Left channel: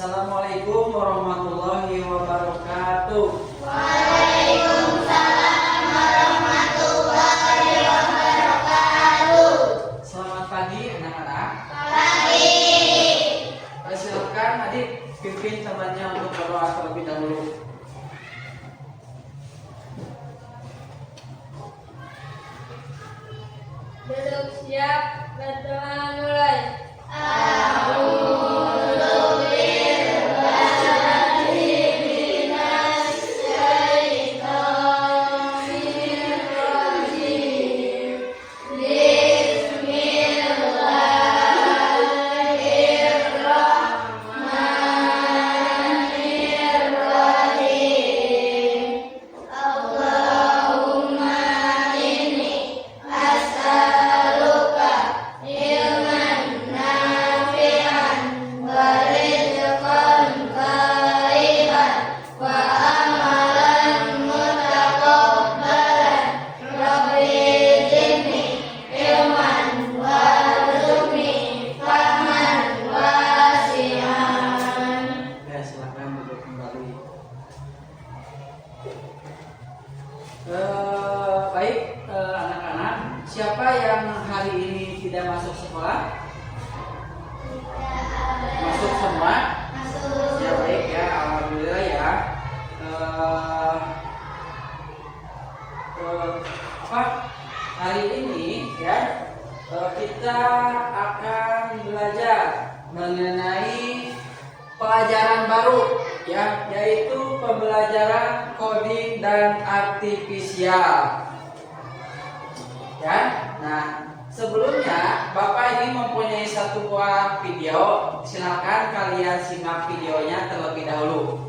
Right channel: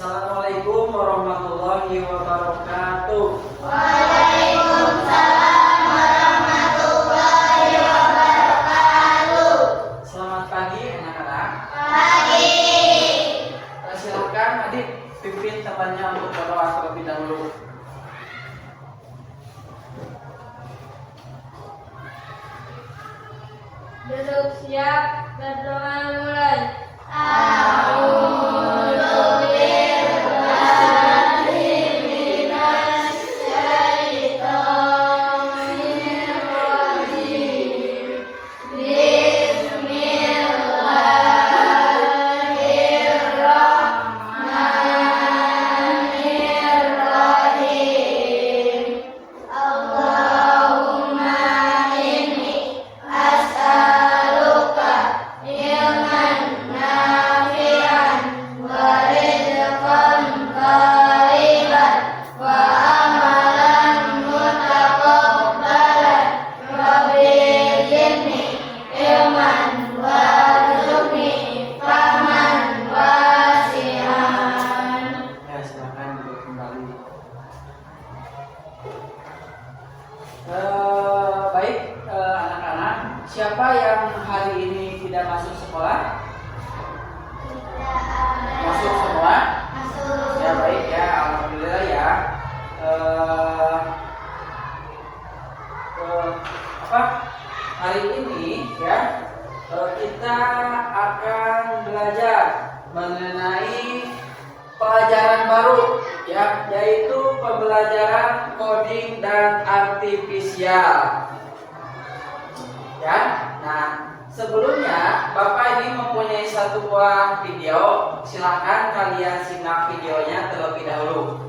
Assalamualaikum warahmatullahi wabarakatuh. Waalaikumsalam warahmatullahi wabarakatuh. Selamat pagi anak-anak. Pagi. Silakan adik pimpin temannya untuk berdoa terlebih dahulu. Duduk siap, berdoa mulai. Anak-anak, siapa yang hari ini tidak masuk sekolah? Masuk semua? Ya baik ya, alhamdulillah ya. Hari ini ya kita akan belajar mengenai pelajaran baru ya, yaitu pembelajaran coding dan artifisial. Ya, nah sebelumnya Bapak ini mempunyai satu buah video. Silakan kalian simak videonya terlebih dahulu.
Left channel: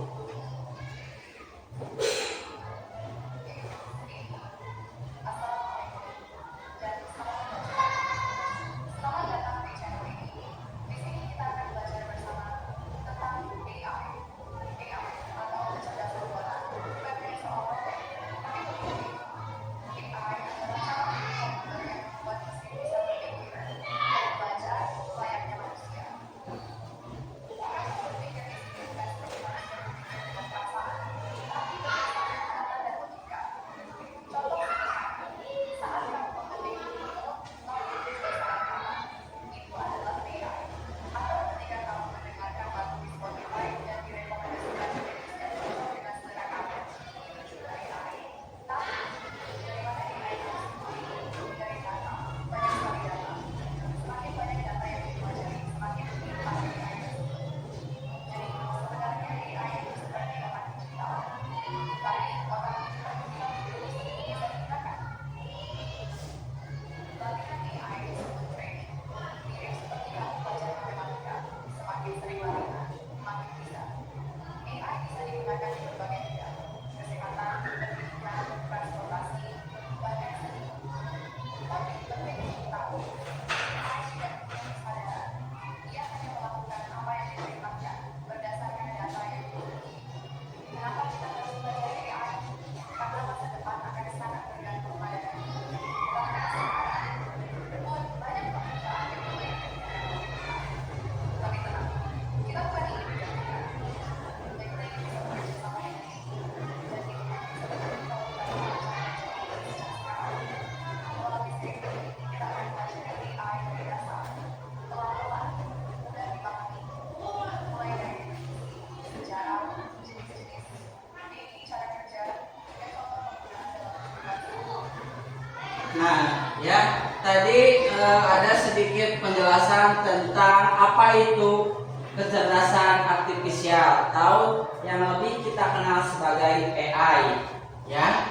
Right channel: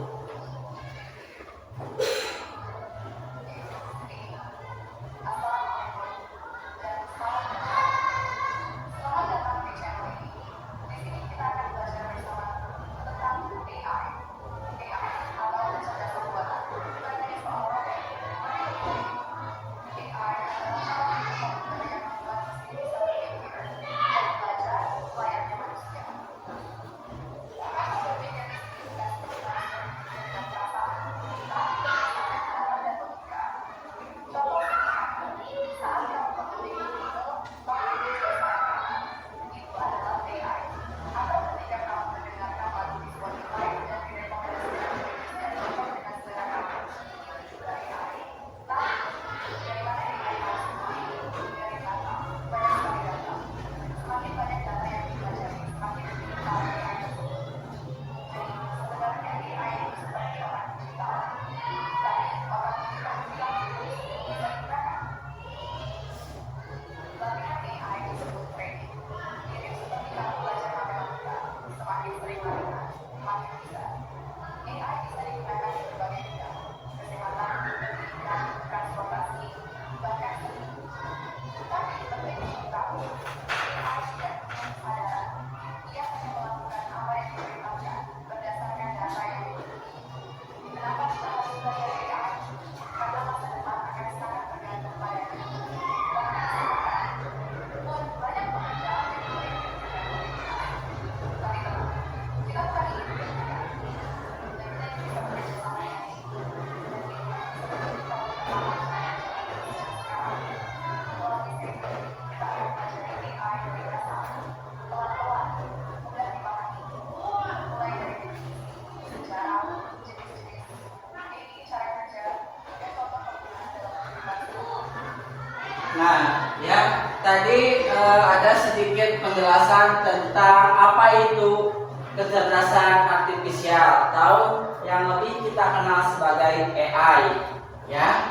Nah, ya, tadi ada sedikit penjelasan tentang apa itu kecerdasan artifisial, atau yang lebih kita kenal sebagai AI, ya.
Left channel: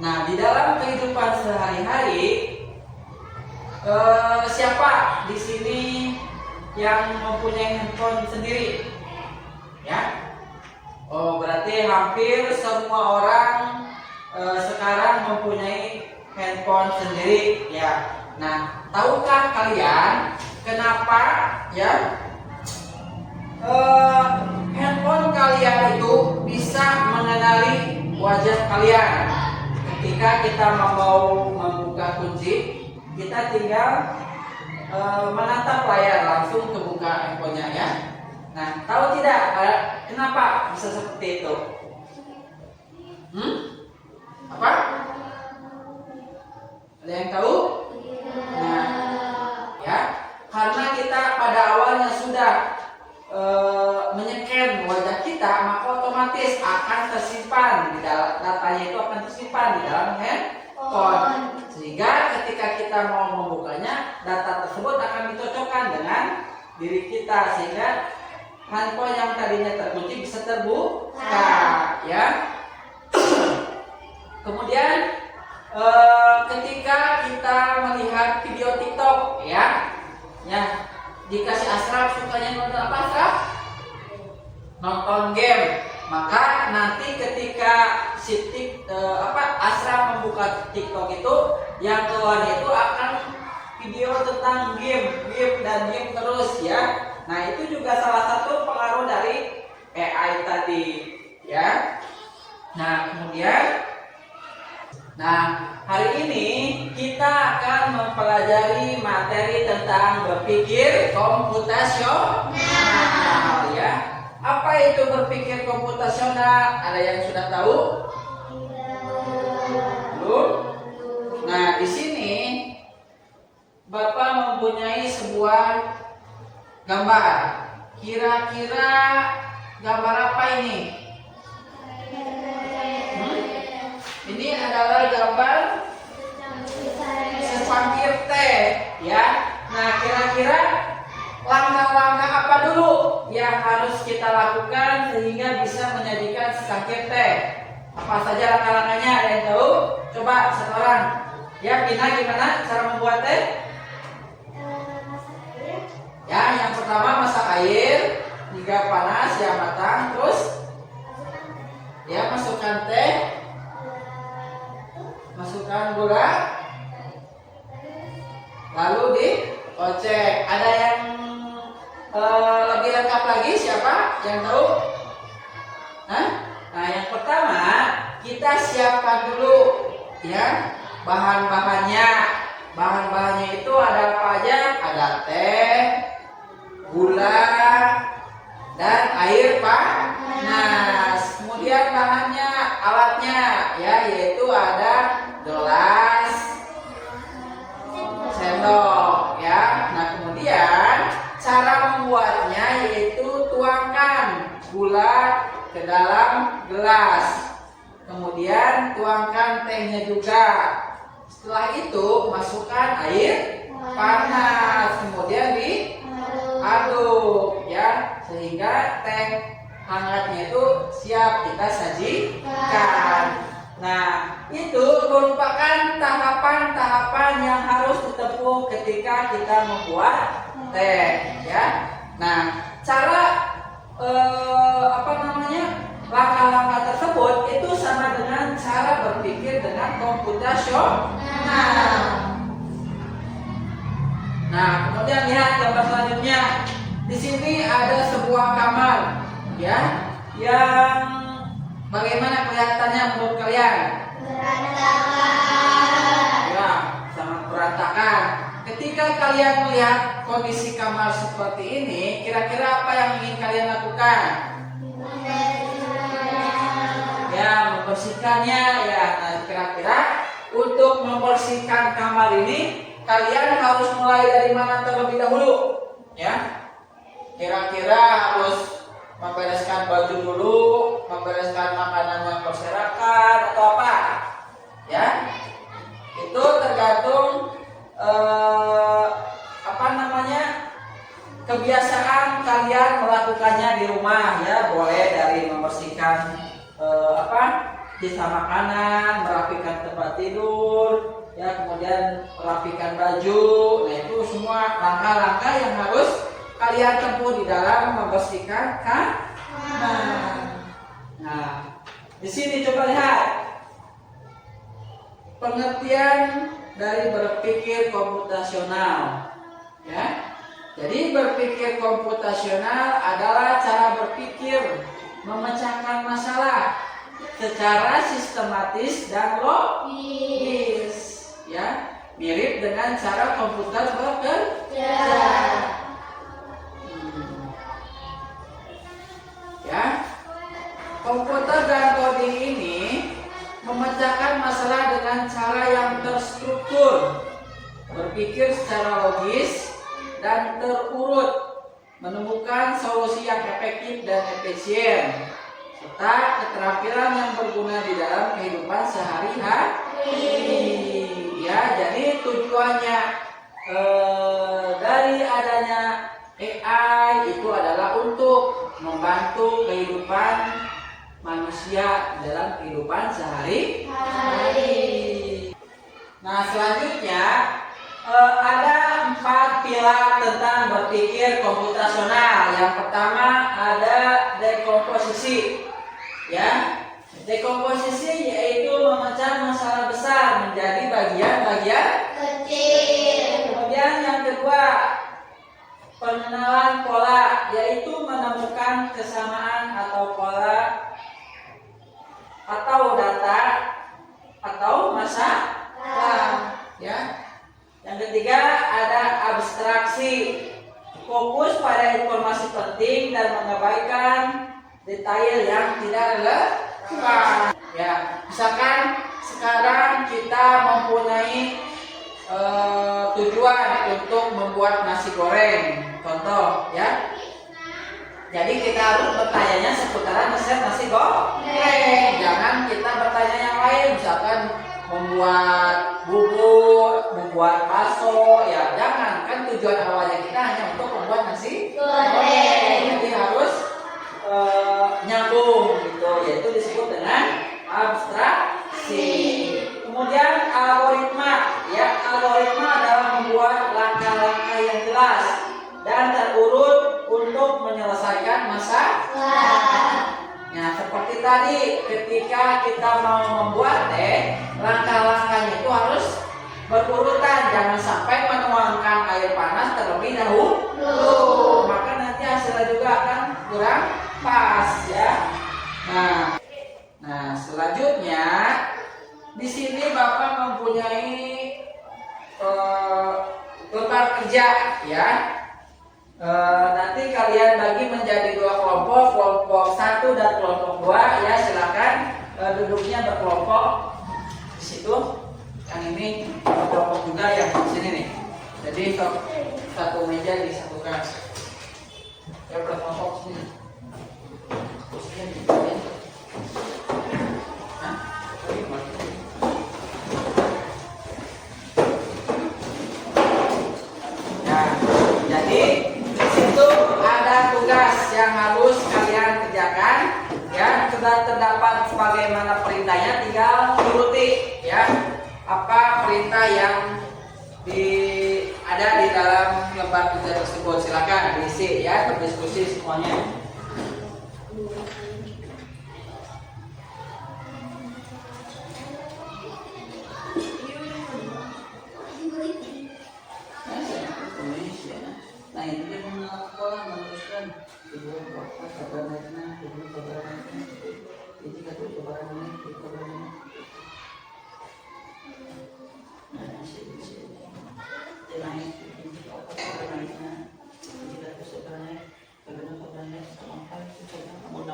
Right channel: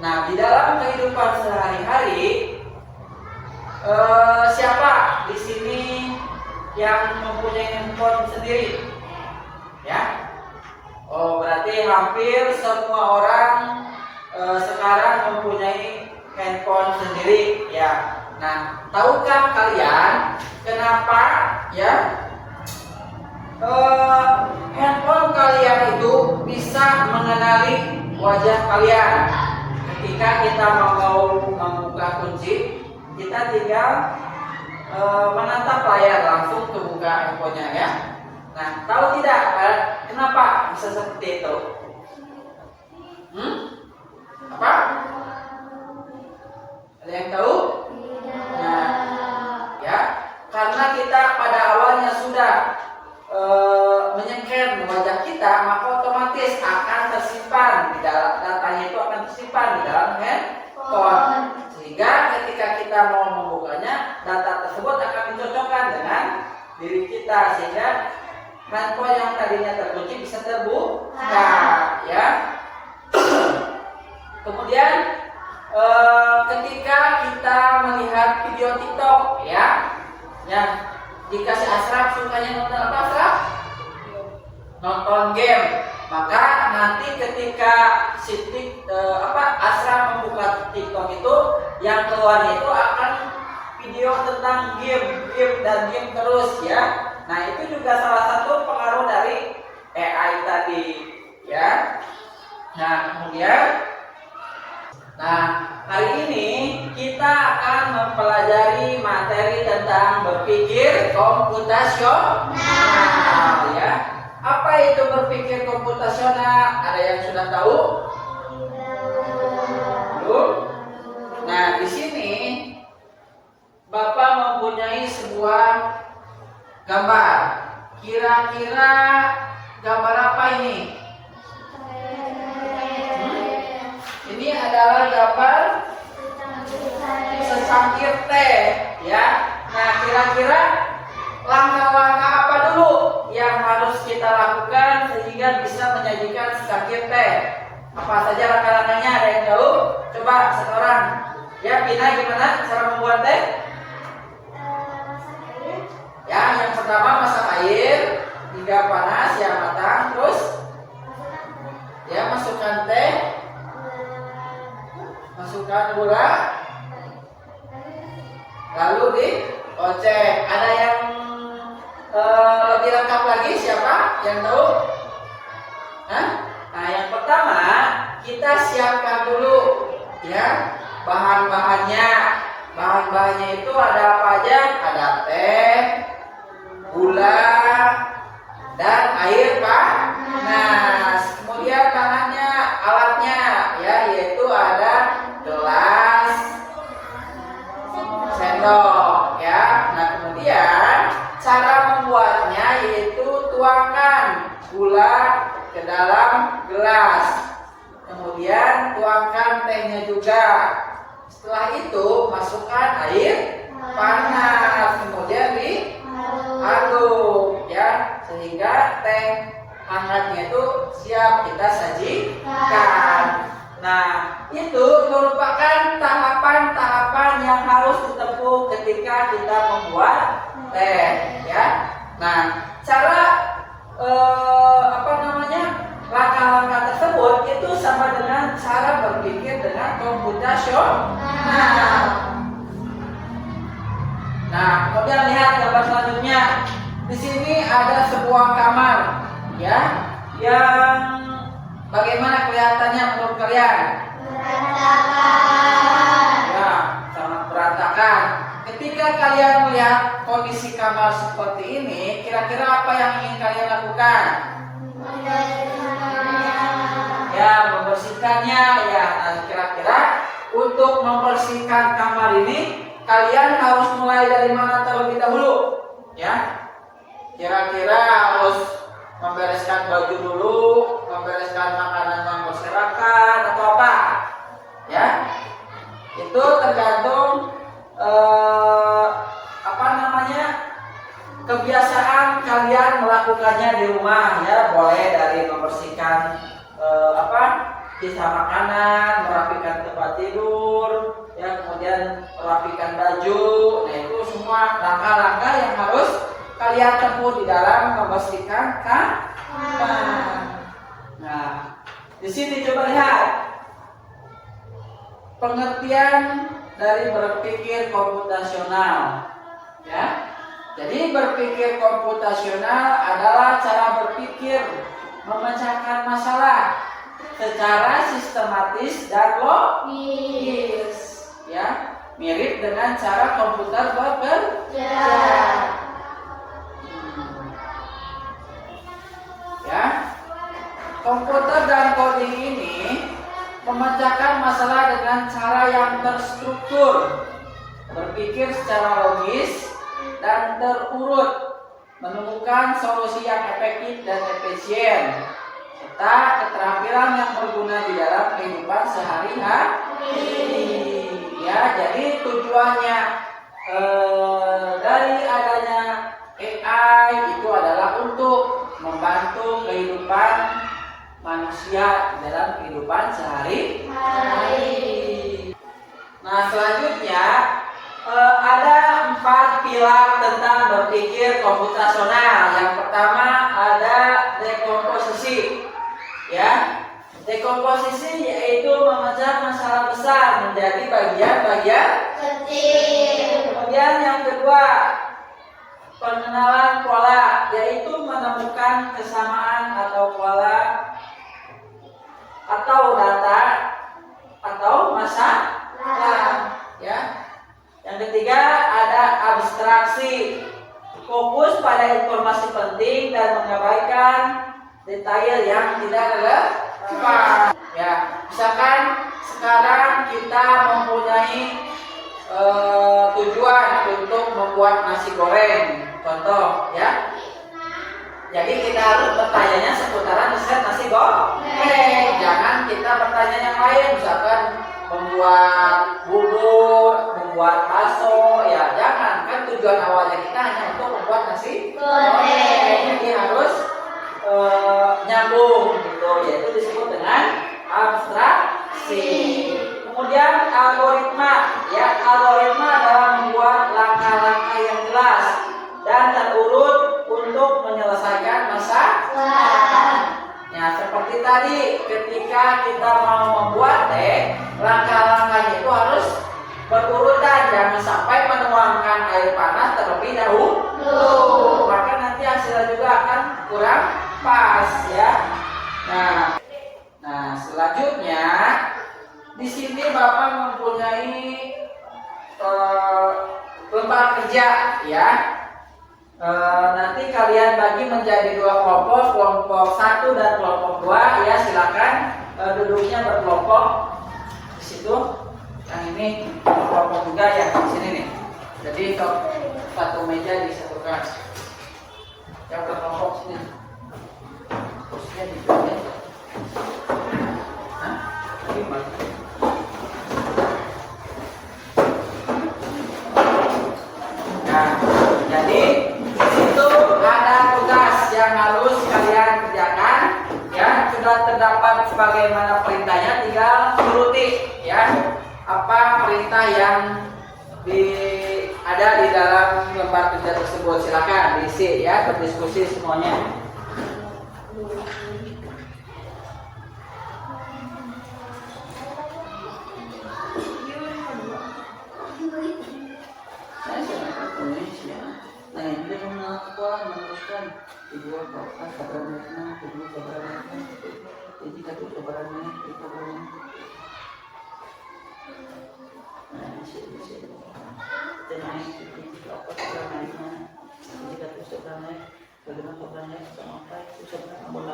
Nah, di dalam kehidupan sehari-hari, siapa di sini yang mempunyai handphone sendiri? Ya. Oh, berarti hampir semua orang sekarang mempunyai handphone sendiri ya. Nah, tahukah kalian kenapa ya handphone kalian itu bisa mengenali wajah kalian? Ketika kita mau membuka kunci, kita tinggal menatap layar, langsung kebuka handphonenya ya. Nah, tahu tidak kenapa bisa seperti itu? Apa? Ada yang tahu? Nah, ya, karena kita pada awalnya sudah menyeker wajah kita, maka otomatis akan tersimpan di dalam datanya itu akan tersimpan di dalam handphone. Sehingga ketika kita mau membukanya, data tersebut akan dicocokkan dengan diri kita sehingga handphone yang tadinya terkunci bisa terbuka, ya. Kemudian ketika kita melihat video TikTok, ya, yang dikasih Asraf sukanya nonton apa, Asraf? Nonton game. Maka nanti ketika Asraf membuka TikTok itu, yang keluar itu akan video tentang game dan game terus, ya. Nah, itu juga salah satu pengaruh dari AI tadi, ya. Nah, kemudian hari ini kita akan mempelajari materi tentang berpikir komputasional, ya. Apa itu berpikir komputasional? Ada yang sudah tahu? Belum? Nah, di sini Bapak mempunyai sebuah gambar. Kira-kira gambar apa ini? Ini adalah gambar secangkir teh, ya. Nah, kira-kira langkah-langkah apa dulu yang harus kita lakukan sehingga bisa menyajikan secangkir teh? Apa saja langkah-langkahnya? Ada yang tahu? Coba satu orang. Ya, Pina, gimana cara membuat teh? Ya, yang pertama masak air hingga panas ya matang, terus ya masukkan teh, masukkan gula, lalu dikocek. Ada yang lebih lengkap lagi, siapa yang tahu? Nah, yang pertama kita siapkan dulu, ya, bahan-bahannya. Bahan-bahannya itu ada apa aja? Ada teh, gula, dan air panas. Kemudian bahannya, alatnya, ya, yaitu ada gelas, sendok, ya. Nah, kemudian cara membuatnya yaitu tuangkan gula ke dalam gelas. Kemudian tuangkan tehnya juga. Setelah itu masukkan air panas, kemudian diaduk, ya, sehingga teh hangatnya itu siap kita sajikan. Nah, itu merupakan tahapan-tahapan yang harus ditempuh ketika kita membuat teh, ya. Nah, cara langkah-langkah tersebut itu sama dengan cara berpikir dengan komputasional. Nah, kemudian lihat gambar selanjutnya. Di sini ada sebuah kamar, ya, yang bagaimana kelihatannya menurut kalian? Berantakan. Ya, sangat berantakan. Ketika kalian melihat kondisi kamar seperti ini, kira-kira apa yang ingin kalian lakukan? Ya, membersihkannya, ya. Nah, kira-kira untuk membersihkan kamar ini kalian harus mulai dari mana terlebih dahulu, ya? Kira-kira harus membereskan baju dulu, membereskan makanan yang berserakan, atau apa? Ya, itu tergantung kebiasaan kalian melakukannya di rumah, ya. Boleh dari membersihkan sisa makanan, merapikan tempat tidur, ya, kemudian merapikan baju. Nah, itu semua langkah-langkah yang harus kalian tempuh di dalam membersihkan kamar. Nah, di sini coba lihat pengertian dari berpikir komputasional, ya. Jadi berpikir komputasional adalah cara berpikir memecahkan masalah secara sistematis dan logis, ya, mirip dengan cara komputer bekerja. Ya, Komputer dan coding ini memecahkan masalah dengan cara yang terstruktur, berpikir secara logis dan terurut, menemukan solusi yang efektif dan efisien, serta keterampilan yang berguna di dalam kehidupan sehari-hari. Ya, jadi tujuannya dari adanya AI itu adalah untuk membantu kehidupan manusia dalam kehidupan sehari-hari. Nah, selanjutnya ada 4 pilar tentang berpikir komputasional. Yang pertama ada dekomposisi. Ya, dekomposisi yaitu memecah masalah besar menjadi bagian-bagian kecil. Kemudian yang kedua, pengenalan pola, yaitu menemukan kesamaan atau pola atau data atau masalah. Ya. Yang ketiga ada abstraksi, fokus pada informasi penting dan mengabaikan detail yang tidak relevan. Ya, misalkan sekarang kita mempunyai tujuan untuk membuat nasi goreng, contoh ya. Jadi kita harus bertanya seputaran resep nasi goreng. Jangan kita bertanya yang lain, misalkan membuat bubur, membuat bakso, ya jangan. Kan tujuan awalnya kita hanya untuk membuat nasi goreng. Jadi harus nyambung gitu, yaitu disebut dengan abstraksi. Kemudian algoritma, ya algoritma adalah membuat langkah-langkah yang jelas dan terurut untuk menyelesaikan masalah. Ya, seperti tadi ketika kita mau membuat teh, langkah-langkahnya itu harus berurutan, jangan sampai menuangkan air panas terlebih dahulu, maka nanti hasilnya juga akan kurang pas ya. Nah selanjutnya di sini Bapak mempunyai lembar kerja ya. Nanti kalian bagi menjadi 2 kelompok, kelompok 1 dan kelompok 2 ya, silakan duduknya berkelompok di situ. Yang ini kelompok juga yang di sini nih. Jadi satu meja disatukan. Ya berkelompok sini. Kursinya di sini. Hah? Gimana? Nah, jadi itu ada tugas yang harus kalian kerjakan ya. Sudah terdapat sebagaimana perintahnya, tinggal turuti ya apa perintah yang ada di dalam lembar kerja tersebut. Silakan diisi ya, berdiskusi semuanya. Nah, ini melakukan meneruskan kedua bapak kabarnya, kedua kabarnya, jadi kedua kabarnya, kedua kabarnya. Nah, sini, jangan ini apa kabarnya, jadi kedua kabarnya, kedua kabarnya sampai sudah nomor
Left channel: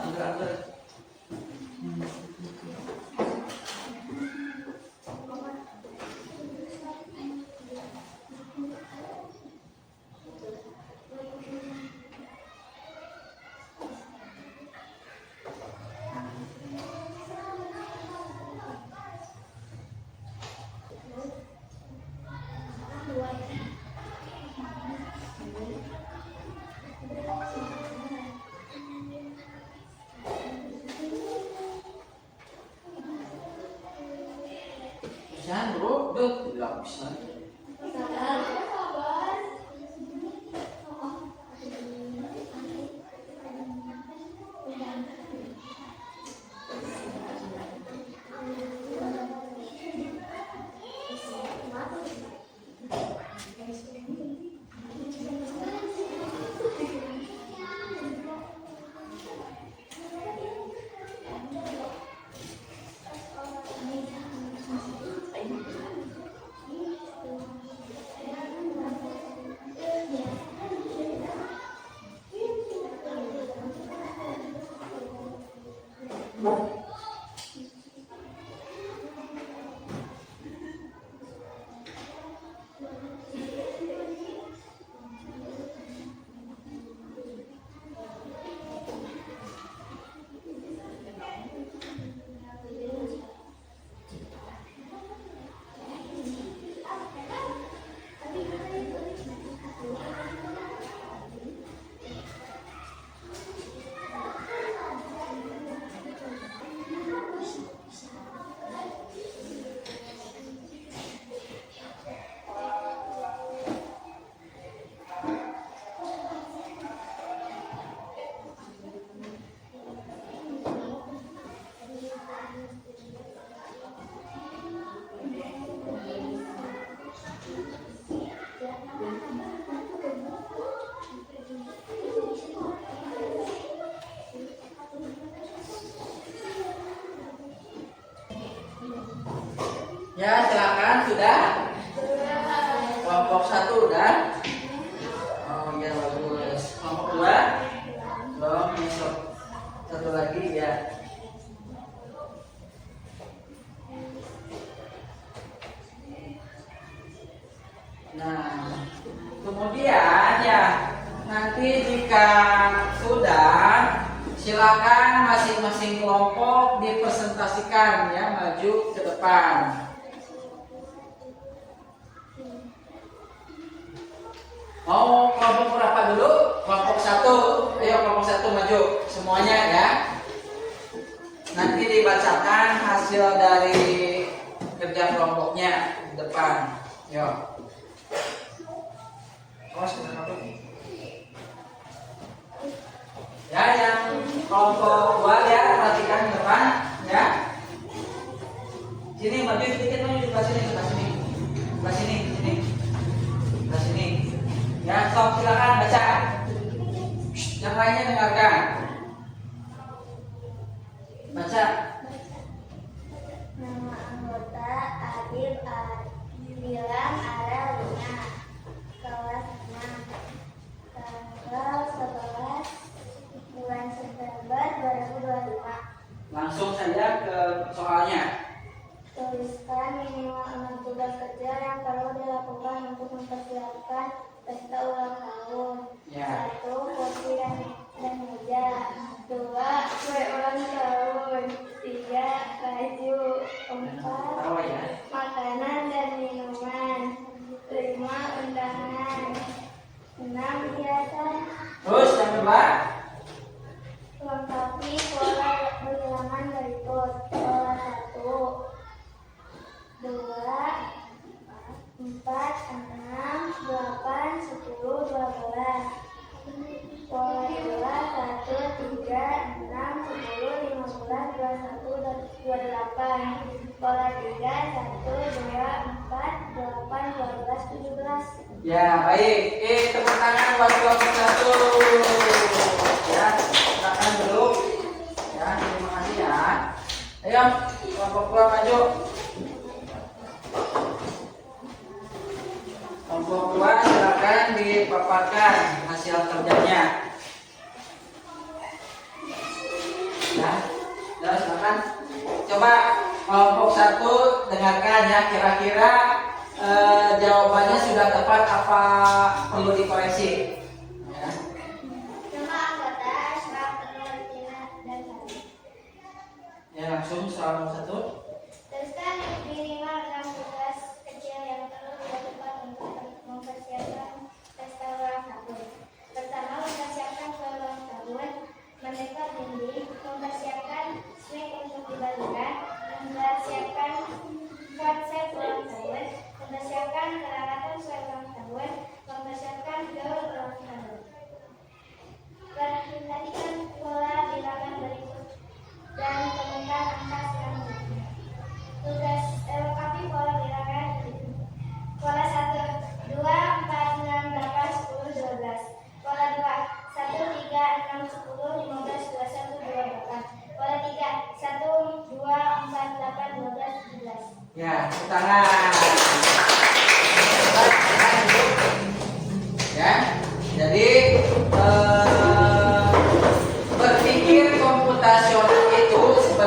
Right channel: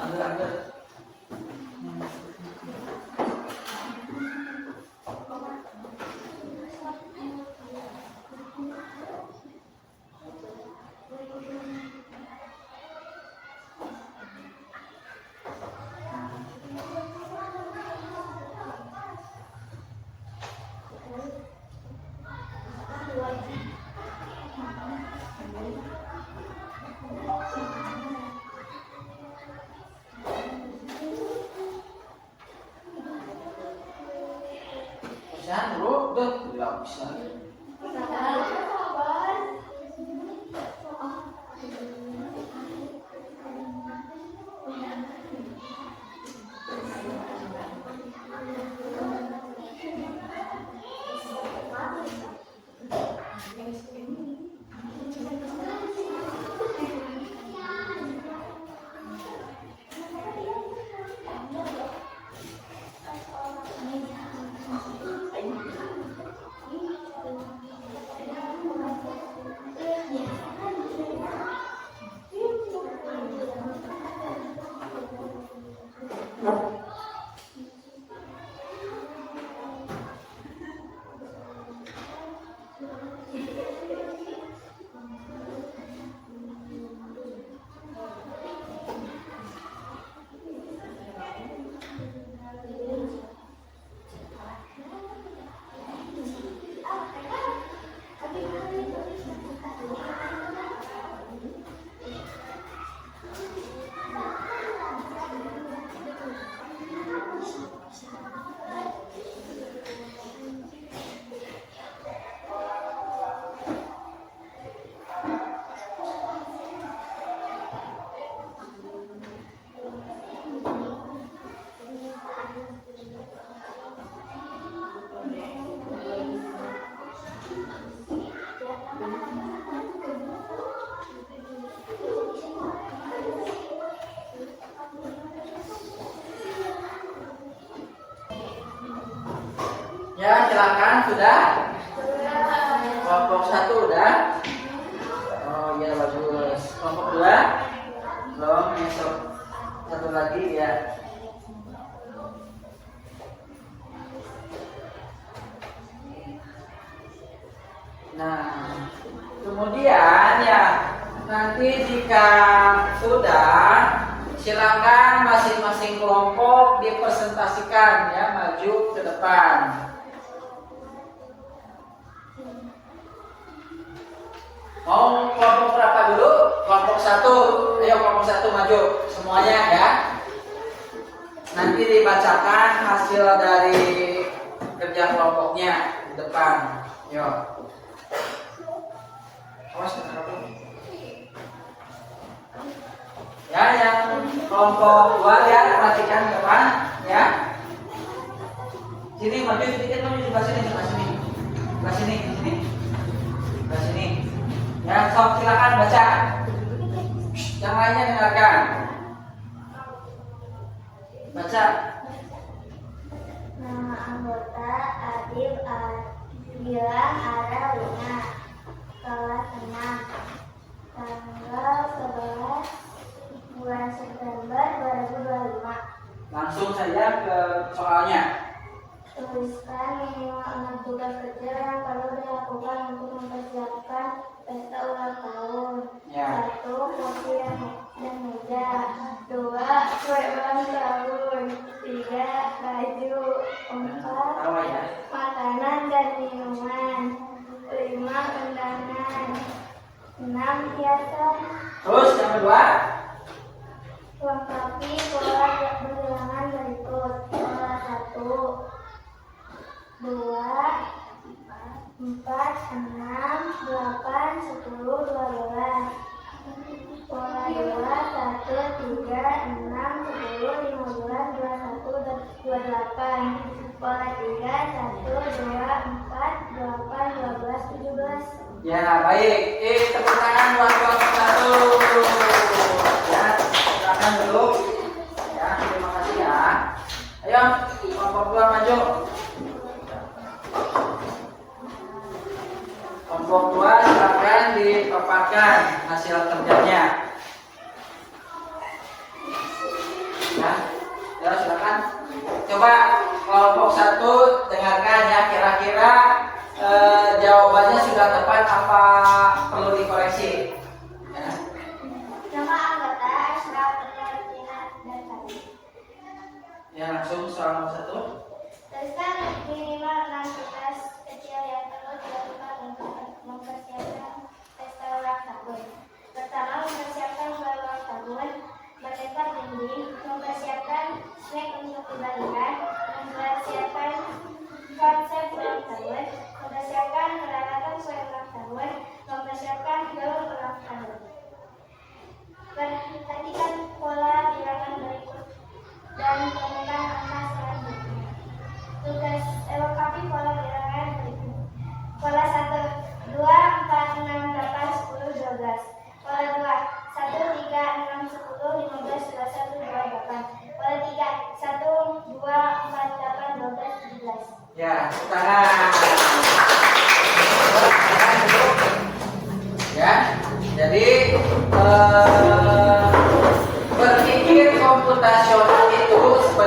anggar. Jangan bro, udah habis lagi. Ya, silakan sudah. Kelompok 1 udah. Oh iya bagus. Kelompok 2 belum. Besok satu lagi ya. Nah, kemudian ya nanti jika sudah, silakan masing-masing kelompok dipresentasikan ya, maju ke depan. Mau kelompok berapa dulu? Kelompok 1. Ayo kelompok 1 maju semuanya ya. Nanti dibacakan hasil dari kerja kelompoknya di depan. Yo. Ya, yang kelompok 2 ya, perhatikan ke depan ya. Sini maju sedikit, maju ke sini, ke sini. Ke sini, ke sini. Ke sini. Ya, stop, silakan baca. Yang lainnya dengarkan. Baca. Nama anggota Adib bilang ada Luna, kelas 6, tanggal 11 bulan September 2025. Langsung saja ke soalnya. Tuliskan minimal 6 tugas kerja yang perlu dilakukan untuk mempersiapkan pesta ulang tahun. Ya. 1. Kopi dan meja. 2. Kue ulang tahun. 3. Baju. 4. Tawa ya. Makanan dan minuman. 5. Undangan. 6. Hiasan. Terus yang kedua. Lengkapi pola bilangan berikut. Pola 1, 2, 4, 6, 8, 10, 12. Pola 2, 1, 3, 6, 10, 15, 21, dan 28. Pola 3, 1, 2, 4, 8, 12, 17. Ya, baik. Tepuk tangan buat kelompok 1. Ya, silakan duduk. Ya, terima kasih ya. Ayo, kelompok 2 maju. Kelompok 2 silakan dipaparkan hasil kerjanya. Ya, ya silakan. Coba kelompok 1 dengarkan ya, kira-kira jawabannya sudah tepat apa perlu dikoreksi? Ya. Nama anggota Ashraf, Nurtina, dan Sari. Ya, langsung soal nomor 1. Tuliskan minimal 6 tugas kecil yang perlu dilakukan untuk mempersiapkan pesta ulang tahun. Pertama, mempersiapkan kue ulang tahun, mendekat dinding, mempersiapkan snack untuk dibagikan, mempersiapkan konsep ulang tahun, mempersiapkan peralatan kue ulang tahun, mempersiapkan gaun ulang tahun. Perhatikan pola bilangan berikut dan temukan angka selanjutnya. Tugas lengkapi pola bilangan berikut. Pola 1, 2, 4, 6, 8, 10, 12. Pola 2, 1, 3, 6, 10, 15, 21, 28. Pola 3, 1, 2, 4, 8, 12, 17. Ya, tepuk tangan. Ya, jadi berpikir komputasional itu sebenarnya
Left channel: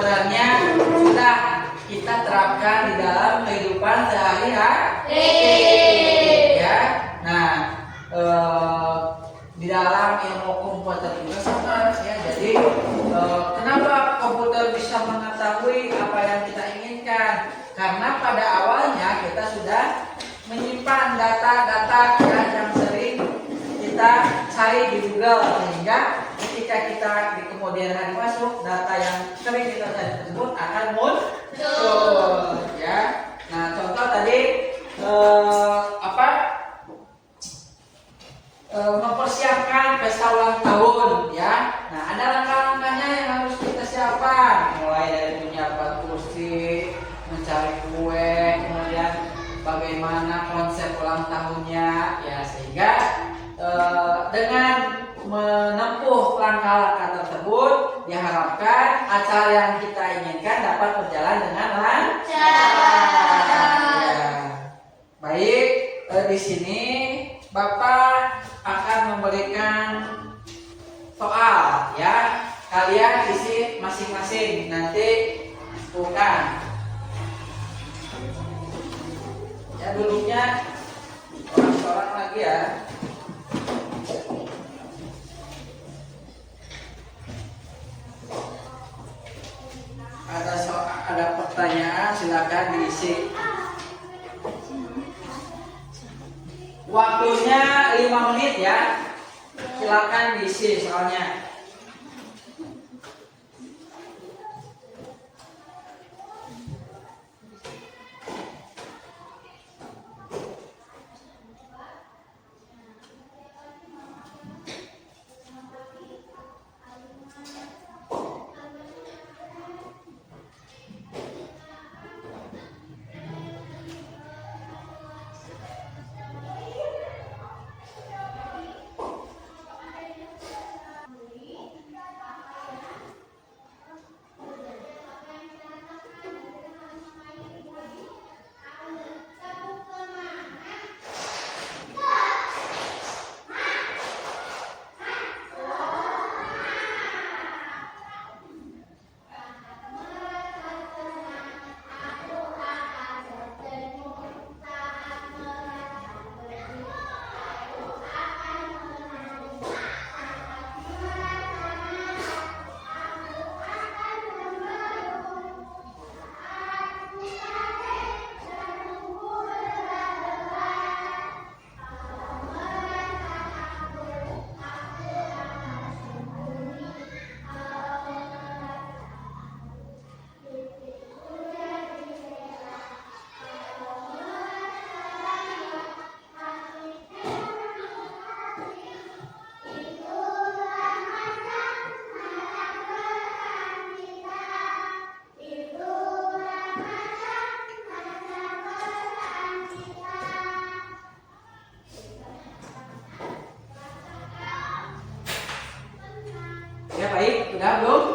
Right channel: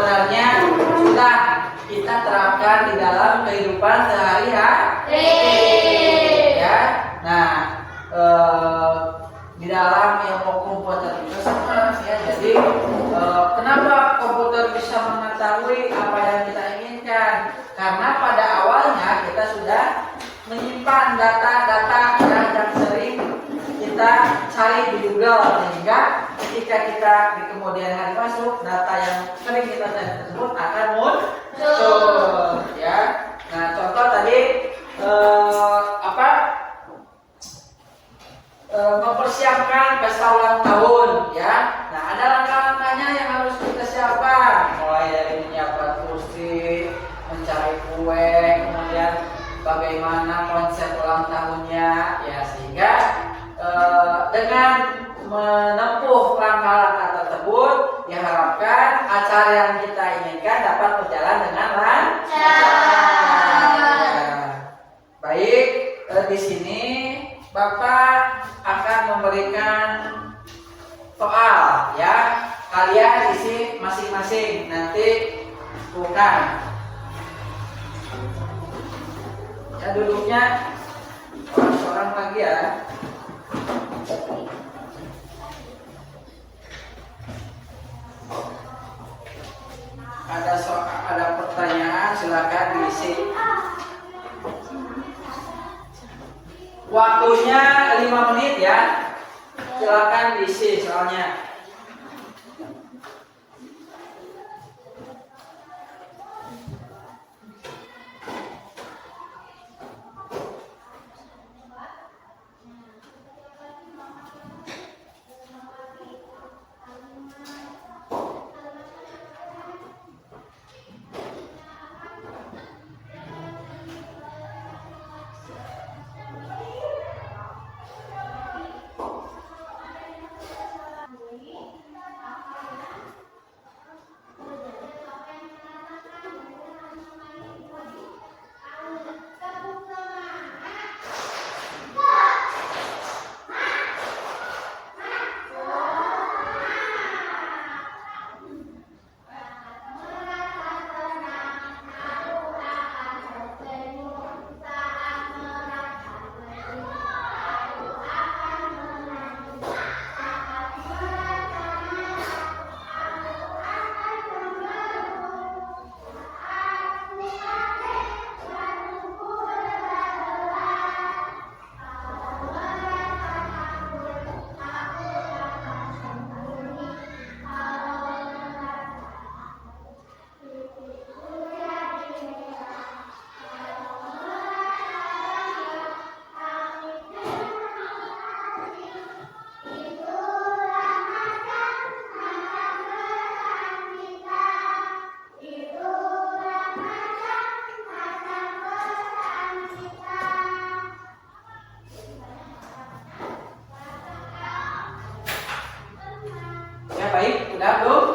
dalam ilmu komputer juga sama ya. Jadi kenapa komputer bisa mengetahui apa yang kita inginkan? Karena pada awalnya kita sudah menyimpan data-data yang sering kita cari di Google, sehingga ketika kita di kemudian hari masuk, data yang sering kita cari tersebut akan muncul ya. Nah, contoh tadi mempersiapkan pesta ulang tahun ya. Nah, ada langkah-langkahnya yang harus kita siapkan, mulai dari menyiapkan kursi, mencari kue, kemudian bagaimana konsep ulang tahunnya ya, sehingga dengan menempuh langkah-langkah tersebut diharapkan acara yang kita inginkan dapat berjalan dengan lancar. Ya. Baik, di sini Bapak akan memberikan soal ya. Kalian isi masing-masing, nanti bukan. Ya, duduknya seorang lagi ya. Ada pertanyaan, silakan diisi. Waktunya 5 menit ya. Silakan diisi soalnya. Ya, baik, sudah belum?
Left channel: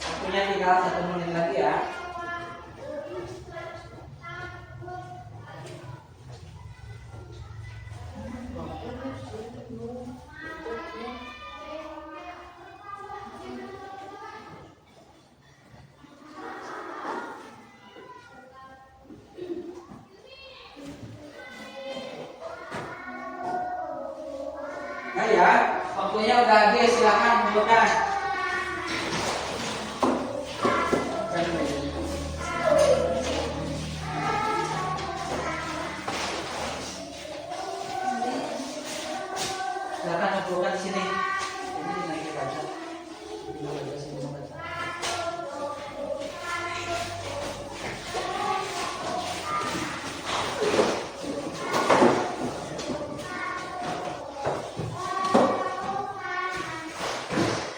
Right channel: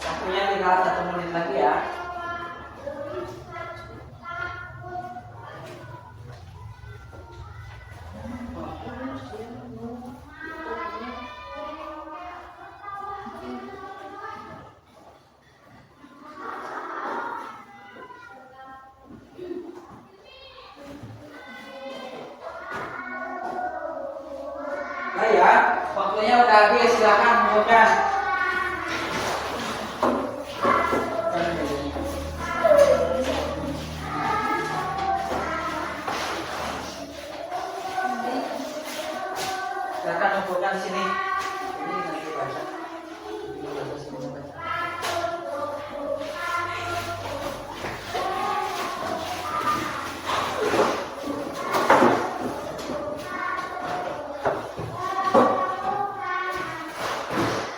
Waktunya tinggal 1 menit lagi ya. Nah ya, waktunya udah habis, silakan menunjukkan. Silakan menunjukkan di sini. Ini nanti baca. Ini baca semua baca.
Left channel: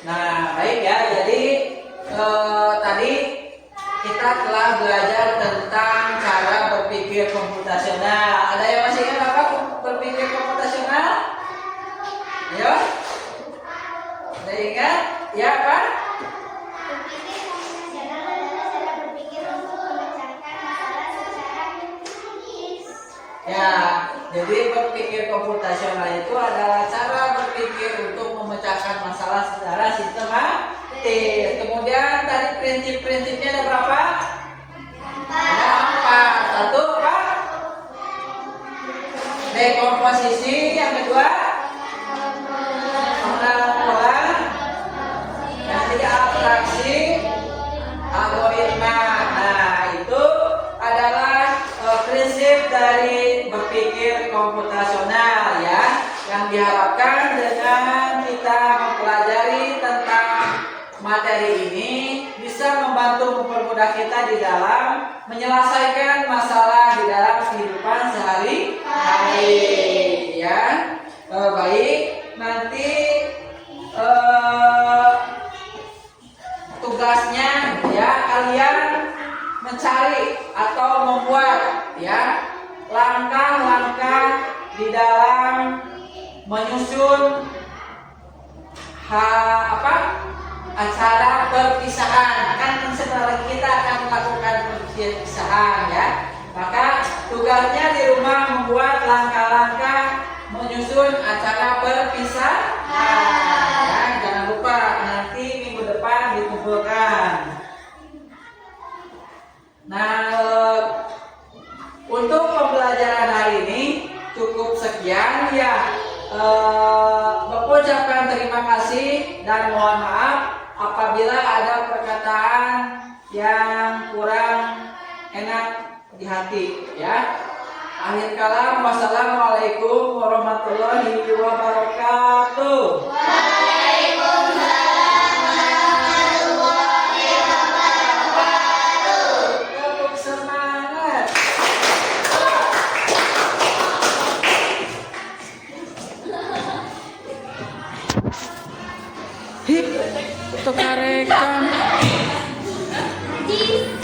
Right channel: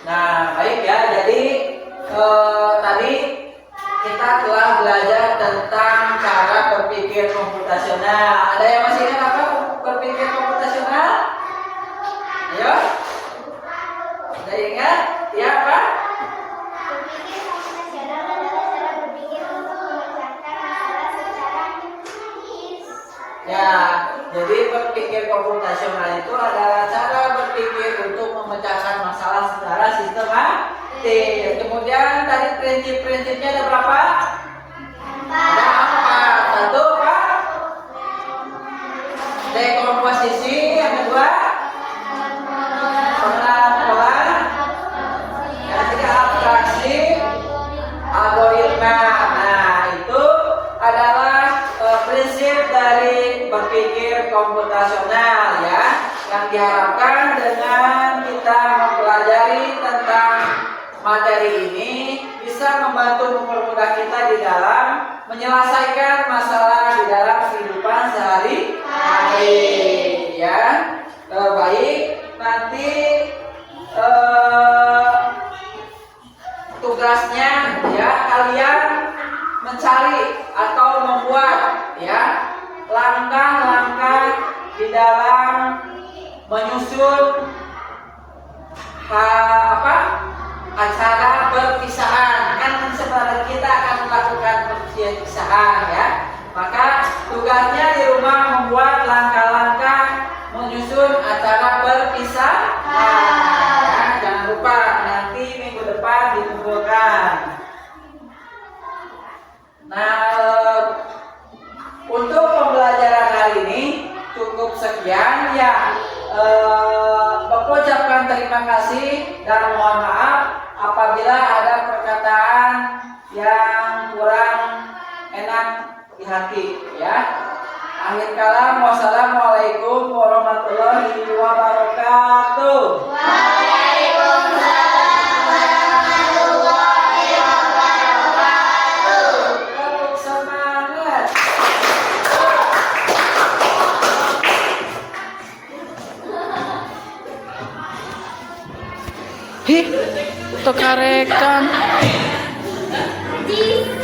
Nah, baik ya. Jadi tadi kita telah belajar tentang cara berpikir komputasional. Ada yang masih ingat apa berpikir komputasional? Ayo. Ada yang ingat? Ya, Pak? Berpikir komputasional adalah cara berpikir untuk memecahkan masalah secara logis. Ya, jadi berpikir komputasional itu adalah cara berpikir untuk memecahkan masalah secara sistematis. Kemudian tadi prinsip-prinsipnya ada berapa? Ada 4. Satu, Pak? Dekomposisi. Yang kedua? diharapkan dengan kita mempelajari tentang materi ini bisa membantu mempermudah kita di dalam menyelesaikan masalah di dalam kehidupan sehari-hari. Ya, baik. Nanti tugasnya ya kalian mencari atau membuat ya langkah-langkah di dalam menyusun acara perpisahan. Kan sebentar kita akan melakukan perpisahan ya. Maka tugasnya di rumah membuat langkah-langkah menyusun acara perpisahan. Ya, jangan lupa nanti minggu depan dikumpulkan. Nah, untuk pembelajaran hari ini cukup sekian ya. Bapak ucapkan terima kasih dan mohon maaf apabila ada perkataan yang kurang enak di hati ya. Akhir kalam, wassalamualaikum warahmatullahi wabarakatuh. Tetap semangat. Hih, tokarekan. Jis.